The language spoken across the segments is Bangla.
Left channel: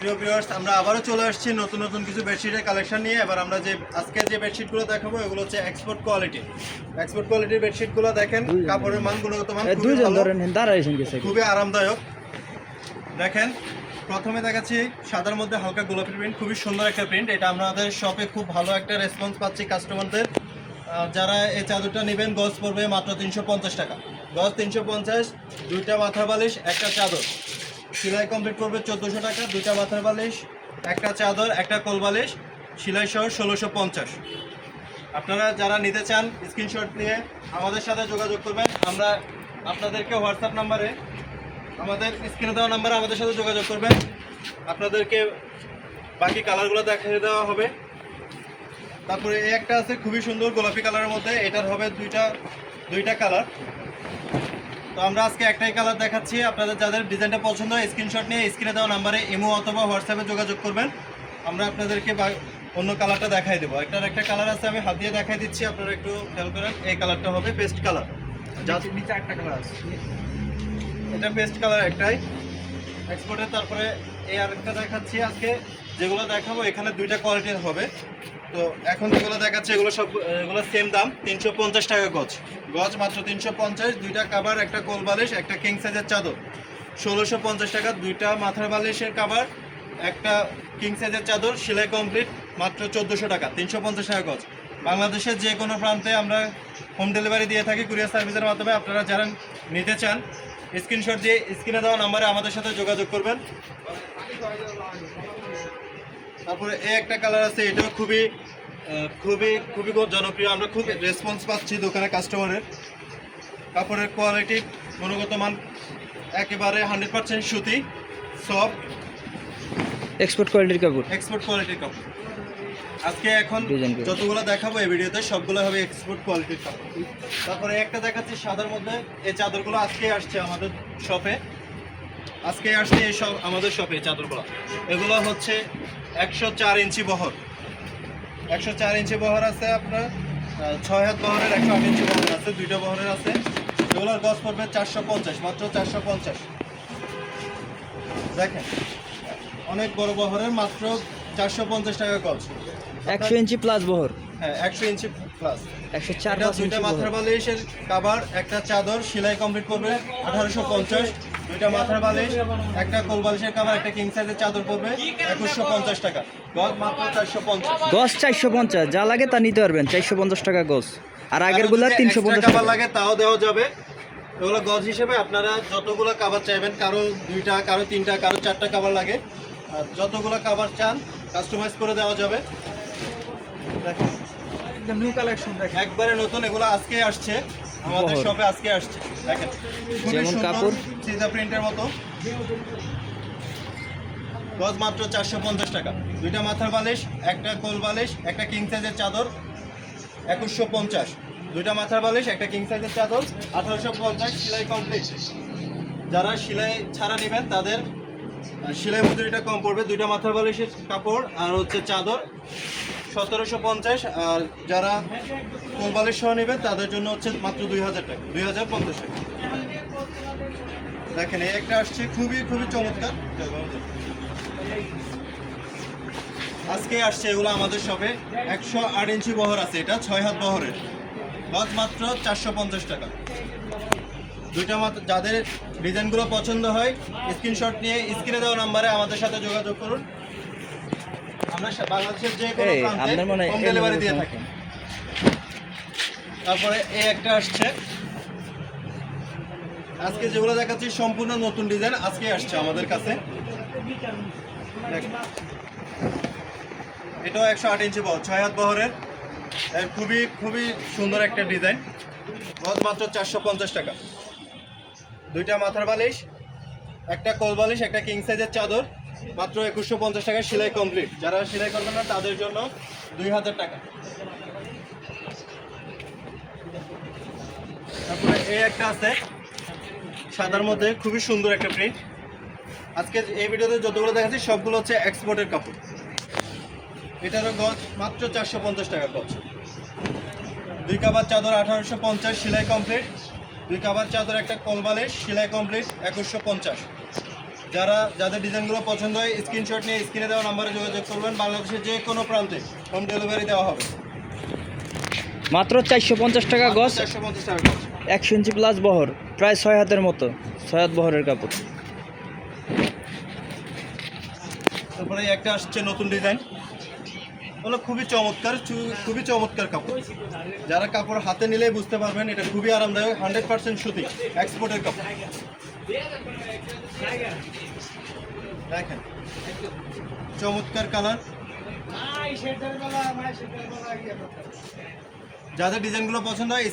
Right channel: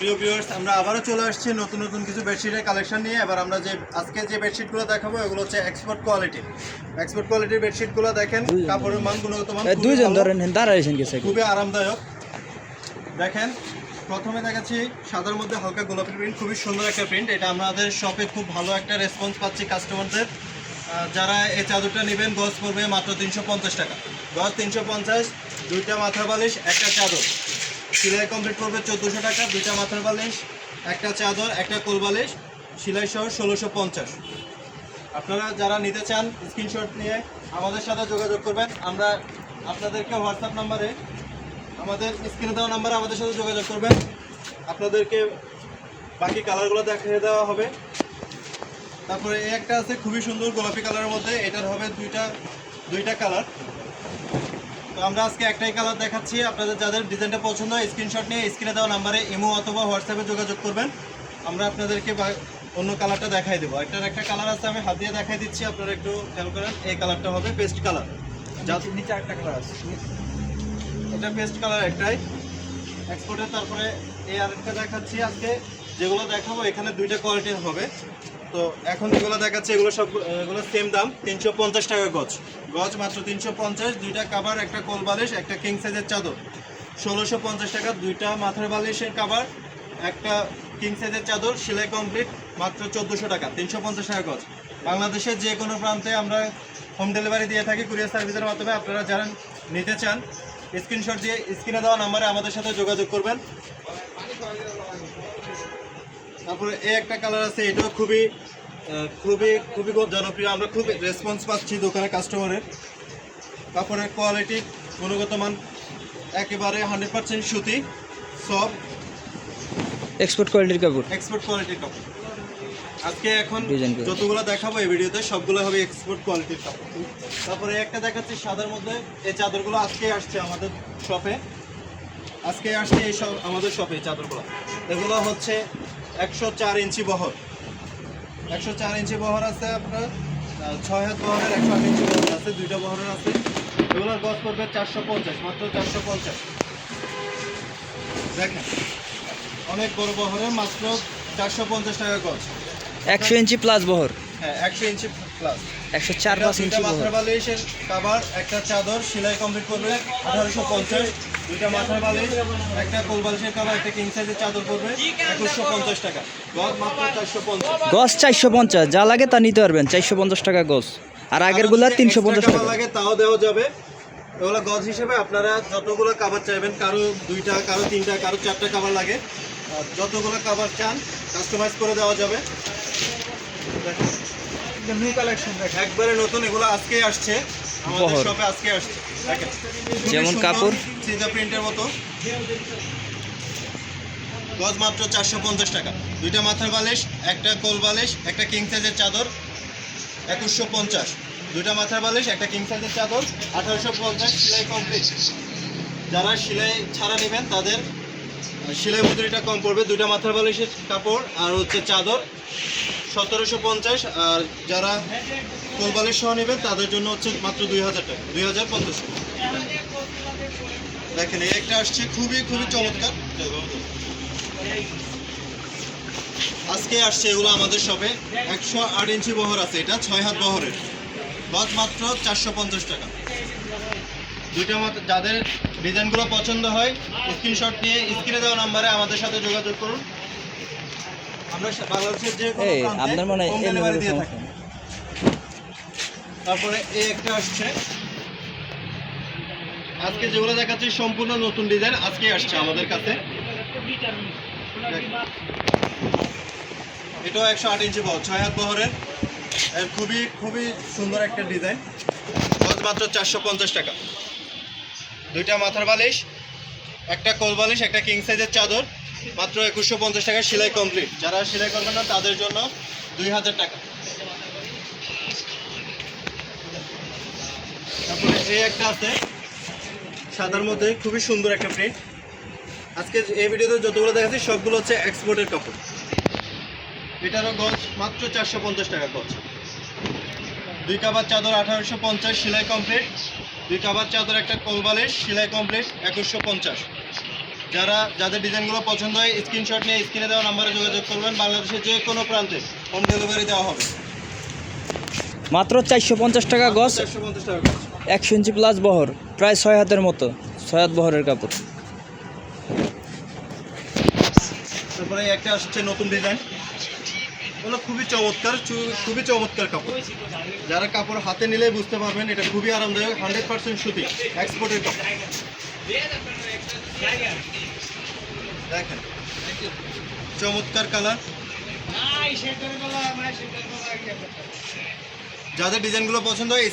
প্রিয় ভিউয়ার্স, আমরা আবারও চলে আসছি নতুন নতুন কিছু বেডশিটের কালেকশন নিয়ে। এবার আমরা আজকে যে বেডশিটগুলো দেখাবো এগুলো হচ্ছে এক্সপোর্ট কোয়ালিটির বেডশিটগুলো। দেখেন কাপড়ের মান, গুণগত মান খুবই আরামদায়ক। দেখেন, প্রথমে দেখাচ্ছি সাদার মধ্যে হালকা গোলাপি প্রিন্ট, খুবই সুন্দর একটা প্রিন্ট। এটা আমাদের শপে খুব ভালো একটা রেসপন্স পাচ্ছি কাস্টমারদের। যারা এই চাদরটা নেবেন গজ পড়বে মাত্র 350 টাকা। গজ 350, দুইটা মাথার বালিশ, একটা চাদর। সেলাই কমপ্লিট করবে 1400 টাকা। দুইটা মাথার বালিশ, একটা চাদর, একটা কোল বালিশ, সেলাই সহ 1650। আপনারা যারা নিতে চান স্ক্রিনশট নিয়ে আমাদের সাথে যোগাযোগ করবেন। আমরা আপনাদেরকে হোয়াটসঅ্যাপ নাম্বারে, আমাদের স্ক্রিনে দেওয়া নাম্বারে আমাদের সাথে যোগাযোগ করবেন। আপনাদেরকে বাকি কালারগুলো দেখিয়ে দেওয়া হবে। তারপরে এই একটা আছে খুবই সুন্দর গোলাপি কালারের মধ্যে, এটার হবে দুইটা কালার। তো আমরা আজকে একটাই কালার দেখাচ্ছি। আপনাদের যাদের ডিজাইনটা পছন্দ হয় স্ক্রিনশট নিয়ে স্ক্রিনে দেওয়া নাম্বারে ইমো অথবা হোয়াটসঅ্যাপে যোগাযোগ করবেন। আমরা আপনাদেরকে অন্য কালারটা দেখাই দেবো। একটা কালার আছে, আমি হাত দিয়ে দেখাই দিচ্ছি, আপনারা একটু খেয়াল করেন। এই কালারটা হবে পেস্ট কালার, নিচে একটা কালার আছে, এটা পেস্ট কালার একটাই এক্সপোর্টের। তারপরে এই আরেকটা দেখাচ্ছি আজকে, যেগুলো দেখাবো এখানে দুইটা কোয়ালিটির হবে। তো এখন যেগুলো দেখাচ্ছি এগুলো সেম দাম, 350 টাকা গজ মাত্র 350। দুইটা কাভার, একটা কোল বালিশ, একটা কিং সাইজের চাদর 1650 টাকা। দুইটা মাথার বালিশের কাভার, একটা কিং সাইজের চাদর, সেলাই কমপ্লিট, মাত্র 1400 টাকা। 350 টাকা গজ। বাংলাদেশের যে কোনো প্রান্তে আমরা হোম ডেলিভারি দিয়ে থাকি কুরিয়ার সার্ভিসের মাধ্যমে। আপনারা যারা নিতে চান স্ক্রিনশট দিয়ে স্ক্রিনে দেওয়া নাম্বারে আমাদের সাথে যোগাযোগ করবেন। তারপরে এই একটা কালার আছে, এটাও খুবই খুবই খুবই জনপ্রিয়। আমরা খুব রেসপন্স পাচ্ছি দোকানে কাস্টমারের। কাপড়ের কোয়ালিটি, গুণগত মান একেবারে 100% সুতি, সফট, এক্সপোর্ট কোয়ালিটির কাপড়। আজকে এখন যতগুলো দেখাবো এই ভিডিওতে সবগুলো হবে এক্সপোর্ট কোয়ালিটির কাপড়। তারপরে একটা দেখাচ্ছি সাদার মধ্যে। এই চাদরগুলো আজকে আসছে আমাদের শপে, আমাদের শপে এই চাদরগুলো। এগুলো হচ্ছে 104 ইঞ্চি বহর, 104 ইঞ্চি বহর আছে আপনার, 6 হাত বহরের, 108 ইঞ্চি বহর আছে, দুইটা বহরের আছে। এগুলোর গজ পড়বে 450, মাত্র 450। দেখেন অনেক বড় বহরের, মাত্র 450 টাকা গজ। 100 ইঞ্চি প্লাস বহর, হ্যাঁ 100 ইঞ্চি প্লাস, 104 ইঞ্চি বহর। মাথার বালিশের কাভার, একটা চাদর, সেলাই কমপ্লিট করবে 1850। দুইটা মাথার বালিশ, একটা কোল বালিশের কাভার, একটা কিং সাইজের চাদর পড়বে 2150 টাকা। গজ মাত্র 450। গজ 450, যা লাগে তা নিতে পারবেন। 450 টাকা গজ। আর আগেরগুলা 350 টাকা লাগে, তাও দেওয়া যাবে। এগুলো গজ হিসেবে আপনারা যতগুলো কাভার চাইবেন, কারো 2টা, কারো 3টা, কারো 4টা কাভার লাগে, যতগুলো কাভার চান কাস্টমাইজ করে দেওয়া যাবে। নিউ কালেকশন একবারে নতুন, এগুলো আজকে আসছে আমাদের শপে, আজকে আসছে। দেখেন যেমন কাপড় সিজা প্রিন্টের মতো, গজ মাত্র 450 টাকা। দুইটা মাথার বালিশ, একটা কোল বালিশ, একটা কিং সাইজের চাদর 2150। দুইটা মাথার বালিশ, একটা কিং সাইজের চাদর 1850। সেলাই কমপ্লিট। যারা সেলাই ছাড়া নেবেন তাদের সেলাই মজুরিটা কম পড়বে। দুইটা মাথার বালিশের কাপড় আর হচ্ছে চাদর 1750। আর যারা কোল বালিশ সহ নেবেন তাদের জন্য হচ্ছে মাত্র 2000 টাকা, 2500। দেখেন এই একটা আসছে খুবই খুবই চমৎকার, আজকে আসছে এগুলো আমাদের শপে। 108 ইঞ্চি বহর আছে, এটা 6 হাত বহরের, গজ মাত্র 450 টাকা। দুইটা যাদের ডিজাইনগুলো পছন্দ হয় স্ক্রিনশট নিয়ে স্ক্রিনে দেওয়া নাম্বারে আমাদের সাথে যোগাযোগ করুন। আমরা বাংলাদেশের যে কোনো প্রান্তে হোম ডেলিভারি দিয়ে থাকি। তারপরে এই একটা আসছে, আজকে যেগুলো দেখাচ্ছি সম্পূর্ণ নতুন ডিজাইন, আজকে আসছে আমাদের কাছে। এটাও 108 ইঞ্চি বহর, 6 হাত বহরের, খুবই খুবই সুন্দর একটা ডিজাইন। গজ মাত্র 450 টাকা। দুইটা মাথার বালিশ, একটা কোল বালিশ, একটা কিং সাইজের চাদর, মাত্র 2150 টাকা। সেলাই কমপ্লিট। যারা সেলাই করবেন না তাদের জন্য 2000 টাকা। তারপরে এই একটা আছে সাদার মধ্যে, খুবই সুন্দর একটা প্রিন্ট। আজকে এই ভিডিওতে যতগুলো দেখাচ্ছি সবগুলো হচ্ছে এক্সপোর্টের কাপড়। এটারও গজ মাত্র 450 টাকা গজ। দুই কাভার চাদর 1850, সেলাই কমপ্লিট। দুই কাভার চাদর, একটা কোল বালিশ, সেলাই কমপ্লিট 2150। যাদের ডিজাইনগুলো পছন্দ হয় স্ক্রিনশট নিয়ে স্ক্রিনে দেওয়া নাম্বারে যোগাযোগ করবেন। বাংলাদেশের যে কোনো প্রান্তে হোম ডেলিভারি দেওয়া হবে। মাত্র 450 টাকা গজ, 450 টাকা গজ। 100 ইঞ্চি প্লাস বহর, প্রায় 6 হাতের মতো, 6 হাত বহরের কাপড়। তারপরে একটা আসছে নতুন ডিজাইন, ওগুলো খুবই চমৎকার কাপড়। যারা কাপড় হাতে নিলে বুঝতে পারবেন এটা খুবই আরামদায়ক, 100% সুতি, এক্সপোর্টের কাপড়। দেখেন চমৎকার কালার। যাদের ডিজাইনগুলো পছন্দ হয়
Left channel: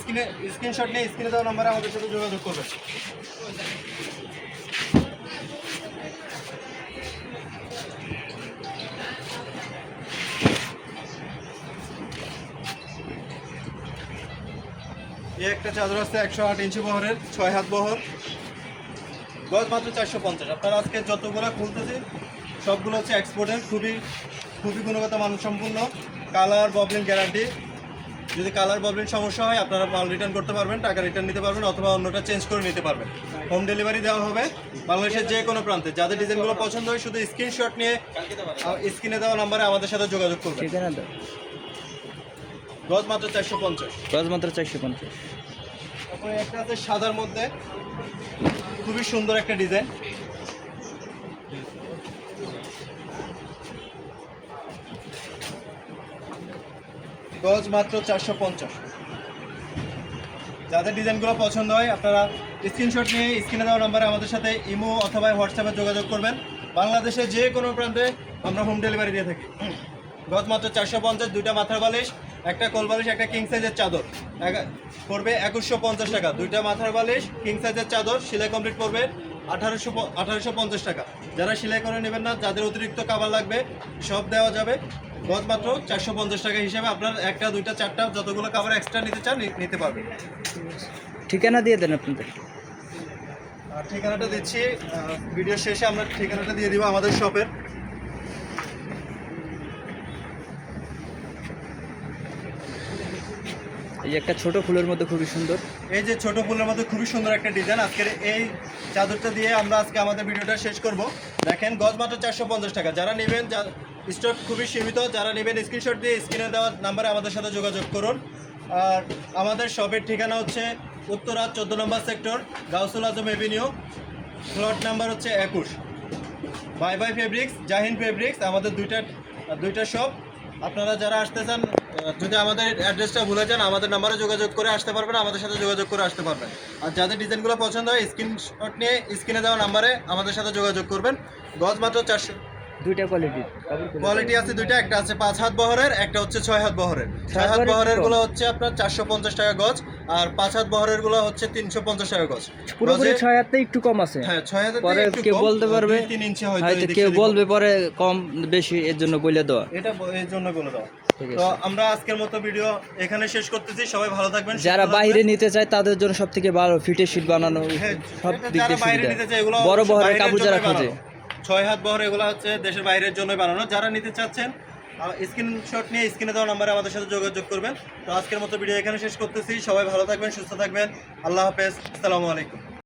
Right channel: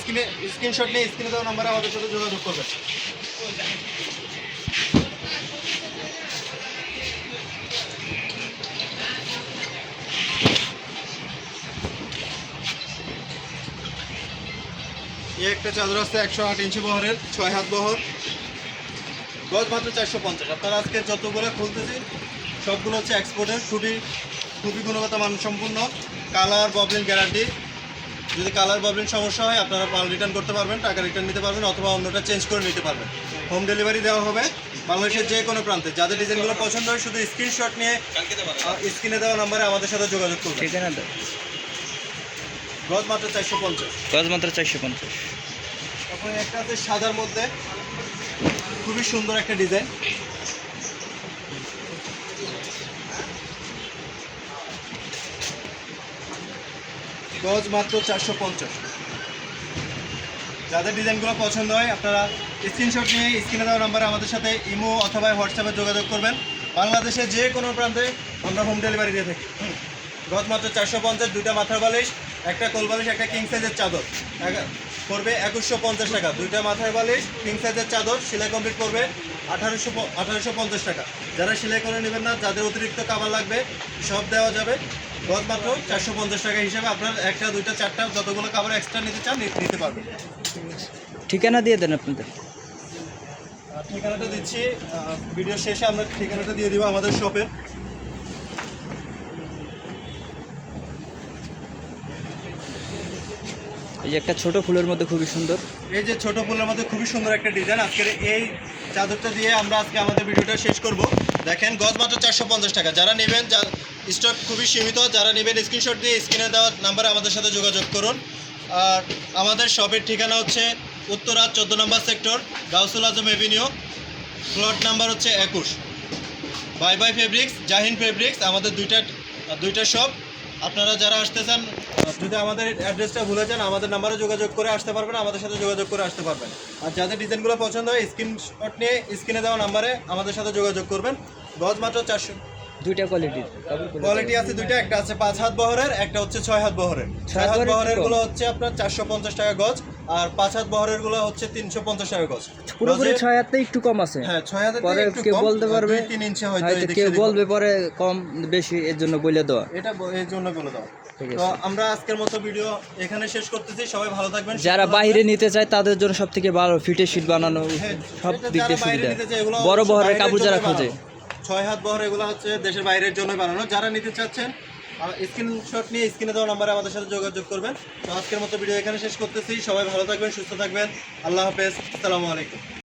স্ক্রিনশট নিয়ে স্ক্রিনে দেওয়া নাম্বারে আমাদের সাথে যোগাযোগ করবেন। এই একটা চাদর আছে 108 ইঞ্চি বহরের, 6 হাত বহর, গজ মাত্র 450। আপনারা আজকে যতগুলো খুলতেছি সবগুলো হচ্ছে এক্সপোর্টের, খুবই গুণগত মানসম্পন্ন। Colour bobbin guarantee. যদি কালার ববলিন সমস্যা হয় আপনারা মাল রিটার্ন করতে পারবেন, টাকা রিটার্ন নিতে পারবেন অথবা অন্যটা চেঞ্জ করে নিতে পারবেন। হোম ডেলিভারি দেওয়া হবে বাংলাদেশের যে কোনো প্রান্তে। যাদের ডিজাইনগুলো পছন্দ হয় শুধু স্ক্রিনশট নিয়ে স্ক্রিনে দেওয়া নাম্বারে আমাদের সাথে যোগাযোগ করবেন। ঠিকানা দাও। গজ মাত্র 450। গজ মাত্র 450। তারপরে একটা আছে সাদার মধ্যে, খুবই সুন্দর একটা ডিজাইন। গজ মাত্র 450। যাদের ডিজাইনগুলো পছন্দ হয় আপনারা স্ক্রিনশট নিয়ে স্ক্রিনে দেওয়া নাম্বারে আমাদের সাথে ইমো অথবা হোয়াটসঅ্যাপে যোগাযোগ করবেন। বাংলাদেশের যে কোনো প্রান্তে আমরা হোম ডেলিভারি দিয়ে থাকি। গজ মাত্র 450। দুইটা মাথার বালিশ, একটা কোল বালিশ, একটা কিং সাইজের চাদর পড়বে 2150 টাকা। দুইটা মাথার বালিশ, কিং সাইজের চাদর, সেলাই কমপ্লিট করবে 1850 টাকা। যারা সেলাই করে নেবেন না, যাদের অতিরিক্ত কাভার লাগবে সব দেওয়া যাবে। গজ মাত্র 450 টাকা হিসাবে আপনার একটা, দুইটা, চারটা যতগুলো কাভার এক্সট্রা নিতে চান নিতে পারবেন। ঠিকানা দিয়ে দেন আপনাদের। ঠিকানাটা দিচ্ছি ভিডিও শেষে, আমরা ঠিকানাটা দিয়ে দিব আমাদের শপের। এই যে একটা ছোট ফুলের মধ্যে খুবই সুন্দর, এই যে ছোট ফুলের মধ্যে খুবই সুন্দর একটা ডিজাইন। আজকের এই চাদরটা দিয়ে আমরা আজকে আমাদের ভিডিওটা শেষ করব। দেখেন গজ মাত্র 450 টাকা। যারা নেবেন, স্টক খুবই সীমিত, যারা নেবেন স্ক্রিনশট দিয়ে স্ক্রিনে দেওয়া নাম্বারে আমাদের সাথে যোগাযোগ করুন। আর আমাদের শপের ঠিকানা হচ্ছে উত্তরা 14 নম্বর সেক্টর, গাউসুল আজম এভিনিউ, প্লট নাম্বার হচ্ছে 21। Bye bye fabrics, Jahin fabrics, আমাদের দুইটা শপ। আপনারা যারা আসতে চান, যদি আমাদের অ্যাড্রেসটা ভুলে যান আমাদের নাম্বারে যোগাযোগ করে আসতে পারবেন, আমাদের সাথে যোগাযোগ করে আসতে পারবেন। আর যাদের ডিজাইনগুলো পছন্দ হয় স্ক্রিনশট নিয়ে স্ক্রিনে দেওয়া নাম্বারে আমাদের সাথে যোগাযোগ করবেন। গজ মাত্র 400। দুইটা কোয়ালিটির কোয়ালিটি আছে দুইটা, একটা আছে 5 হাত বহরের, একটা হচ্ছে 6 হাত বহরের। 6 হাত বহরের গুলো হচ্ছে আপনার 450 টাকা গজ, আর 5 হাত বহরের গুলো হচ্ছে 350 টাকা গজ। পুরোপুরি 6 হাতে একটু কম আছে। হ্যাঁ 6 হাতে পরে কেউ বলতে পারবে 3 ইঞ্চি হয়তো, হয়তো কেউ বলবে পরে কম বেশি, এর জন্য বলে দেওয়া। এটা এর জন্য বলে দাও। ঠিক তো আছে, আমরা আজকের মতো ভিডিও এখানে শেষ করতেছি। সবাই ভালো থাকবেন। যারা বাইরে নিতে চায় তাদের জন্য সবথেকে ভালো ফিটের শীট বানানো, সব দিক দিয়ে সুবিধা। বড় বহরের কাপড় যারা খোঁজে, 6 হাত বহর, এগুলো হচ্ছে দেশের বাইরের জন্য বানানো। যারা নিতে চাচ্ছেন স্ক্রিনশট নিয়ে স্ক্রিনে দেওয়া নাম্বারে আমাদের সাথে যোগাযোগ করবেন। তো আজকের মতো ভিডিও এখানে শেষ করতেছি। সবাই ভালো থাকবেন, সুস্থ থাকবেন। আল্লাহ হাফেজ, আসসালামু আলাইকুম।